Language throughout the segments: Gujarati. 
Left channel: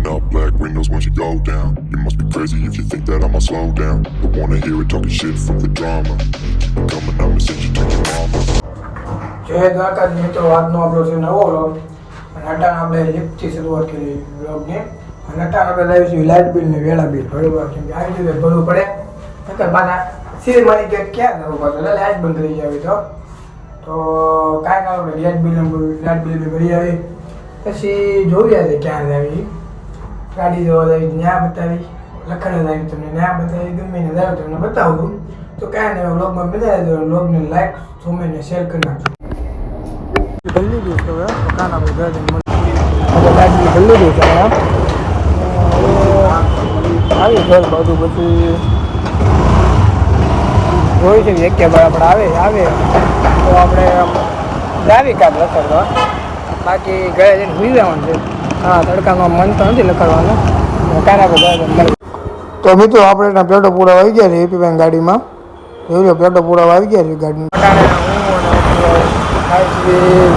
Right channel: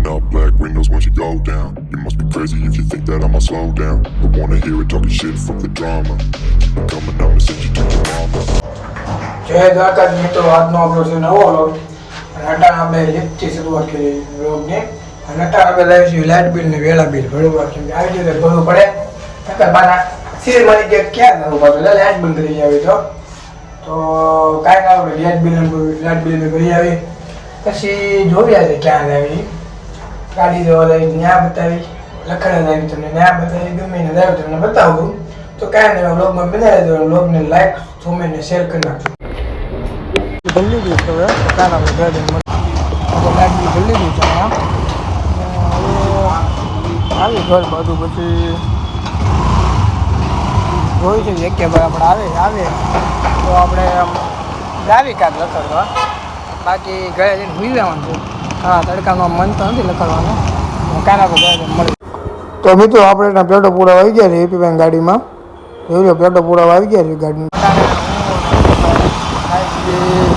Rolling up black windows once you go down. You must be crazy if you think that I'ma slow down. But wanna hear it talking shit, fuck the drama. Keep it coming, I'ma send you to your mama. જય દ્વારકાજ મિત્રો આજનો આપણો છે નવો વ્લોગ અને અટાણ આપણે લિફ્ટથી શરૂઆત કરી વ્લોગની અને અટાણ આપણે લાવીશું લાઇટ બિલ ને વેળા બિલ બરોબર કેમ કે આવી રીતે ભરવું પડે નકર બાના સિરી મારી ગેટ ક્યાં કરવું પડે એટલે લાઇટ બંધ કરી આવી તો તો કાંઈ ના આપણે લાઇટ બિલ લાઇટ બિલ ભરી આવી પછી જોઈ આજે ક્યાં લાવી ગાડી દેવા લઈ ન્યા બતાવી લખાણ લાવી તમને, ન્યા બતાવી ગમે ને લાવી તમને બતાવું. તો કાંઈ નહીં બ્લોગમાં બનાવી દો બ્લોગને લાઈક જોઈને શેર કરી નાખજો. ગયું છે હવે દઈએ. મને લાઈક ઘર બાજુ પછી. જોઈ છે કે આપણે આવે આવે. તો આપણે ગાવી કાઢ લખડવા. બાકી ગયા જઈને સુઈ જવાનું છે. હા તડકામાં મન તો નથી લખડવાનું તારા બધા મળે તો મિત્રો આપણે એના પેટો પૂરા આવી ગયા છે એપી બેન ગાડીમાં. લો પેટો પૂરા આવી ગયા છે ગાડીમાં.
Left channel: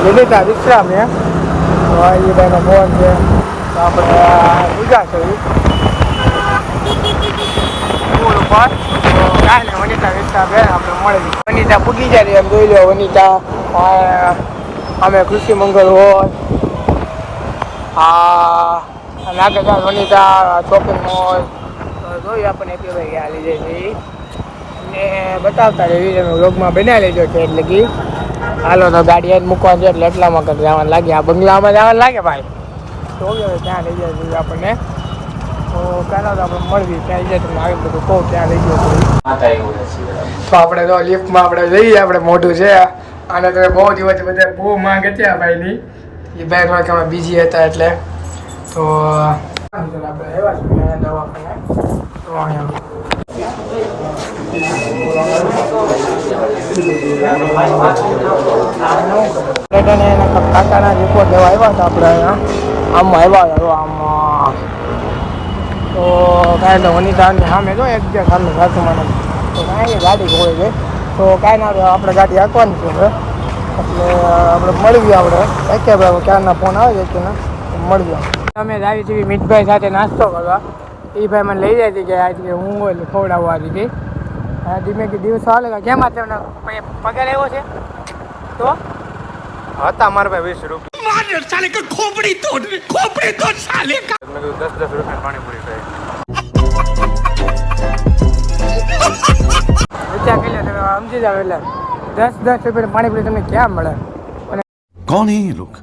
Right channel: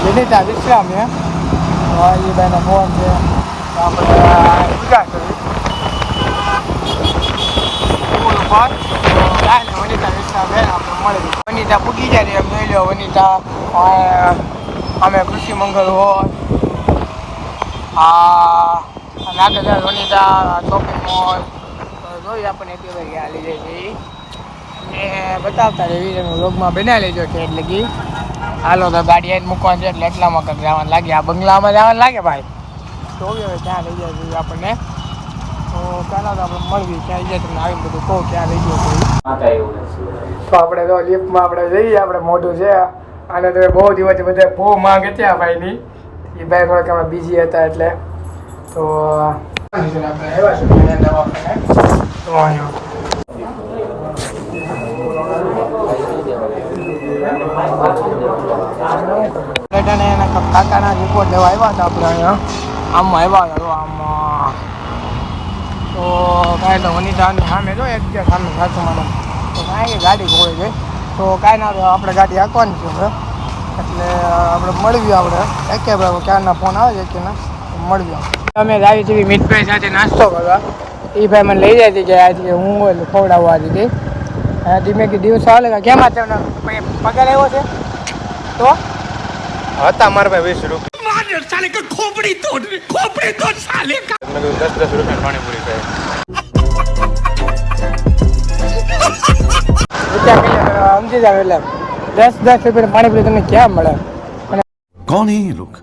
વિનિતા વિશ્રામ એ એ ભાઈનો ફોન છે. વનિતા વિશ્રામ બેન આપણે મળી વનિતા પૂગી જાય એમ જોઈ લો વનિતા. અમે કૃષિ મંગળ હોય. આ નાગરના મનીતા શોપિંગ મોલ. તો જોઈએ આપણને એપી ભાઈ આ જાય છે. ને બતાવતા રહેવી તમે વ્લોગમાં બનાવી લેજો છે એટલે કે હાલો તો ગાડી આવીને મૂકવા છે એટલે એટલામાં કરી જવાનું લાગે. આ બંગલામાં જવાનું લાગે ભાઈ? તો હવે ત્યાં લઈ જાય છે આપણને. તો આપણે તો લિફ્ટમાં આપણે જઈએ આપણે મોઢું છે. અને તમે બહુ દિવસ બધા બહુ માંગ હતી આ ભાઈની. એ ભાઈ થોડાક અમે બીજી હતા એટલે. તો આવ્યા કાકાના રિપોર્ટ આવ્યા હતા આપણે અહીંયા. આમ આવ્યા હતા આમ તો કાંઈ એટલે વનિતાની સામે જો એક સામે સાચું મને તો કાંઈ ગાડી હોય છે તો કાંઈ ના તો આપણે ગાડી હાંકવાની છે હવે. એટલે આપણે મળવી આપણે. એકે ભાઈ ક્યારના ફોન આવે છે કે ના? મળવી અમે આવી છીએ મીઠભાઈ સાથે નાસ્તો કરવા. એ ભાઈ મને લઈ જાય છે કે આજે હું હોય એટલે ખવડાવવા આજે કે આજે ધીમે કે દિવસ આવે કેમ આ તમને પગાર આવ્યો છે? તો? હતા મારા ભાઈ વીસ રૂપિયા. સાલે કે ખોપડી તોડ ખોપડી તોડ સાલે કા. મેં કીધું દસ દસ રૂપિયા પાણીપુરી ખાઈ. સમજી જાવ એટલે દસ દસ રૂપિયા પાણીપુરી તમને ક્યાં મળે कौन है ये लोग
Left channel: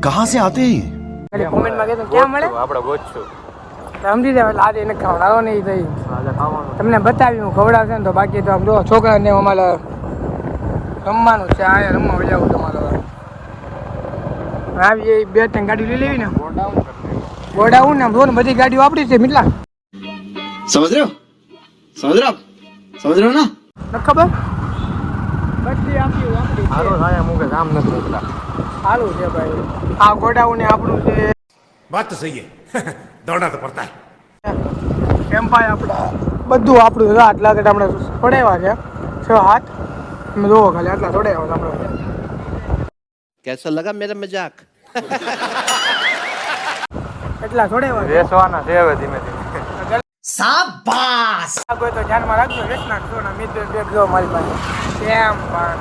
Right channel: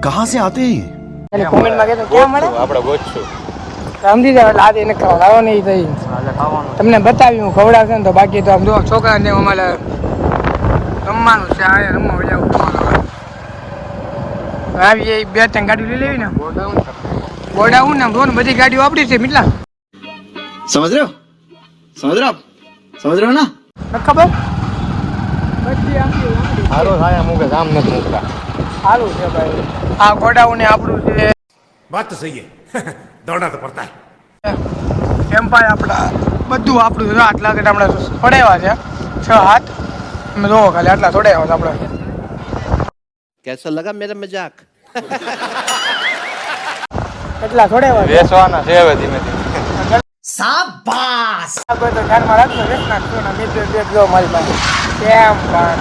कहां से आते हैं ये? એટલે કોમેન્ટમાં કહેતો ક્યાં મળે આપણે ગોતશું સમજી જાવ એટલે આજે એને ખવડાવો નહીં થઈ તમને બતાવ્યું હું ખવડાવશે ને તો બાકી તો આમ જુઓ છોકરાને જેમ અમારે રમવાનું છે આ રમવા જવું તમારે હવે આવી જાય બે ત્રણ ગાડી લઈ લેવી ને ગોડાઉન ને આમ જો ને બધી ગાડીઓ આપણી છે મિટલા समझ रहे हो समझ સમજ રહ્યો ના ખબર? છે. ભાઈ. આ ગોડાઉન આપણું છે. વાત તો સહી દોડા તો આપણા બધું આપણું છે. આટલા કટ આપણે પડાવ્યા છે. છ હાથ મેં જોવો ખાલી આટલા થોડાવ્યા છે આપણે. કેસો લગા મેરા મજાક. એટલા થોડાવ્યા બેસવાના છે હવે ધીમે ધીમે. આગળ તો ધ્યાનમાં રાખજો વેચ નાખજો ને મિત્ર બેગ જો મારી પાસે. કેમ પણ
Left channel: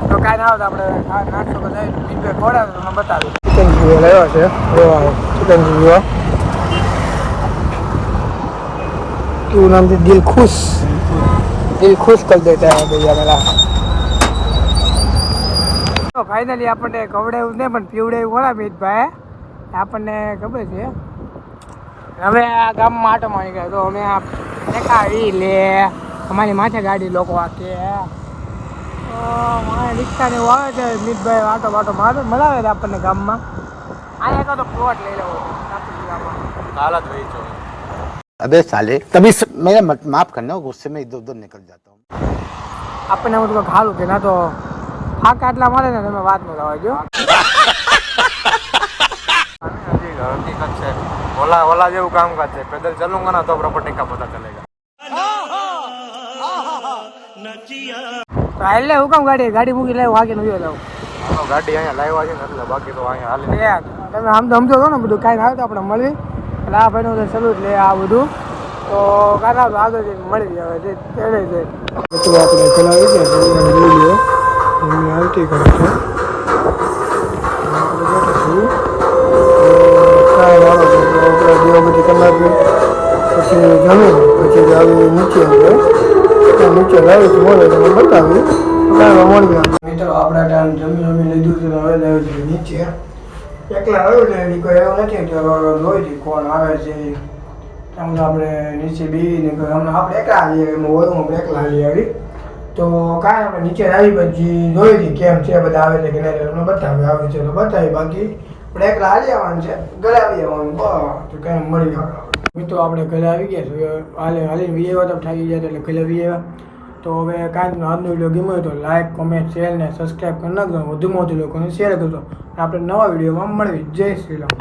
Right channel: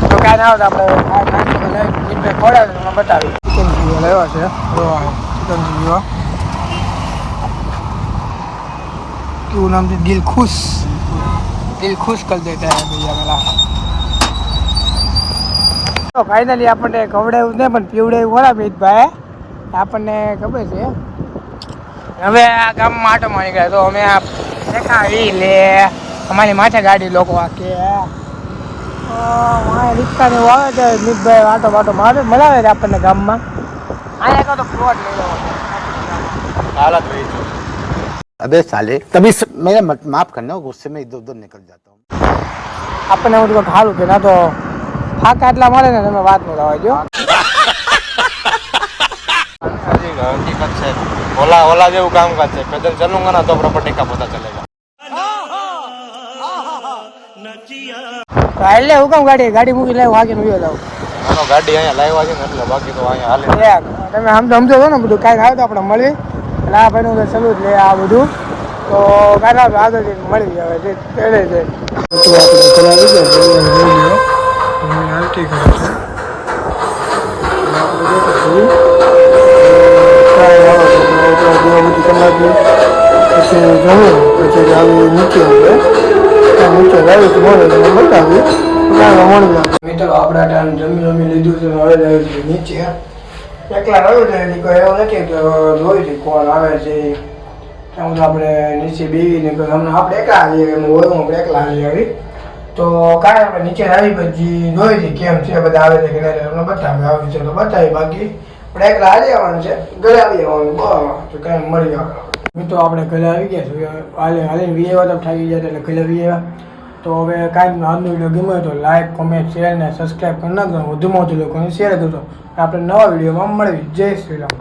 તો કાંઈ ના આવતા આપણે આ નાસ્તો તો લઈ મિત્ર ખોડાવે તમને બતાવી ચિકન જીવો લેવો છે? ચિકન જીવો. તું નામ દિલ ખુશ દિલ ખુશ કરી દેતા હે ભૈયા મેરા તો ફાઇનલી આપણને ખવડાવ્યું નહીં પણ પીવડાવ્યું ખરા મિતભાઈ. આપણને ખબર છે હવે આ ગામમાં આટો મારી ગયા તો અમે આ દેખાડી લે અમારી માથે ગાડી લોકો આ કે રિક્ષા ને એવું આવે છે મિતભાઈ આટો બાટો મારે મનાવે છે આપણને ગામમાં અહીંયા કાં તો પ્લોટ લઈ લો હાલત વેચો अबे साले तभी स... मेरा मत, माफ करना गुस्से में इधर उधर निकल जाता हूँ આપણને એવું થોડું સારું કે ના તો ફાકા એટલા મળે ને તમે વાત નહીં લાવો ઓલા ઓલા જેવું કામકાજ છે પેદલ ચલુંગા ના તો પ્રોપર્ટી કા પતા ચલેગા એટલે હું કામ ગાડી ગાડી મૂકી લાવ વાગીને ઉયો જાવ ગાડી અહીંયા લાવ્યા છે ને એટલે બાકી તો અહીંયા હાલે તમે આમ તો સમજો છો ને બધું કાંઈક આવે તો આપણે મળી એટલે આ ભાઈનું તો ચલું જ લે આ બધું તો કાંઈ આદો આગળ મળી આવે જે પહેલે છે તો આપણે ઘરે આવી ગયા છે જોઈ લ્યો હું હાલતી કરું છું આપણે બેઠા છીએ કાંઈ આવે તો આપણે નીચે મિત્રો, આપણે ટાઈમ જમી જમી લીધું છે હવે છે નીચે. એકલા રહ્યું છે કોઈ એવું નથી કે જોઈ કોણ આવે છે. એમ આપણે નીચે બેવીને અમને આપણે એકલા આવીએ આપણે એકલા આવી આવી. તો કાંઈ આપણે નીચે આવી, પછી જોઈ હતી કેમ છે, બધા આવે છે કે નહીં તમને બતાવે આવે છે તો બતાવી બાકી. આપણે એક આવી આવવાનું છે ઘરે આવી આવવાનું બરાબર તો કઈ મળી આવે મિત્રો આપણે ઘરે આવી ગયા છે હાલે હાલે વી આવ્યા તો થાકી ગયા એટલે ઘરે વીએ તો હવે કાંઈક આજનો વીડિયો ગમ્યો હોય તો લાઈક કોમેન્ટ શેર ને સબસ્ક્રાઈબ કરી નાખજો. વધુમાં વધુ લોકોને શેર કરજો આપણે નવા વિડીયોમાં મળવી જય શ્રી રામ.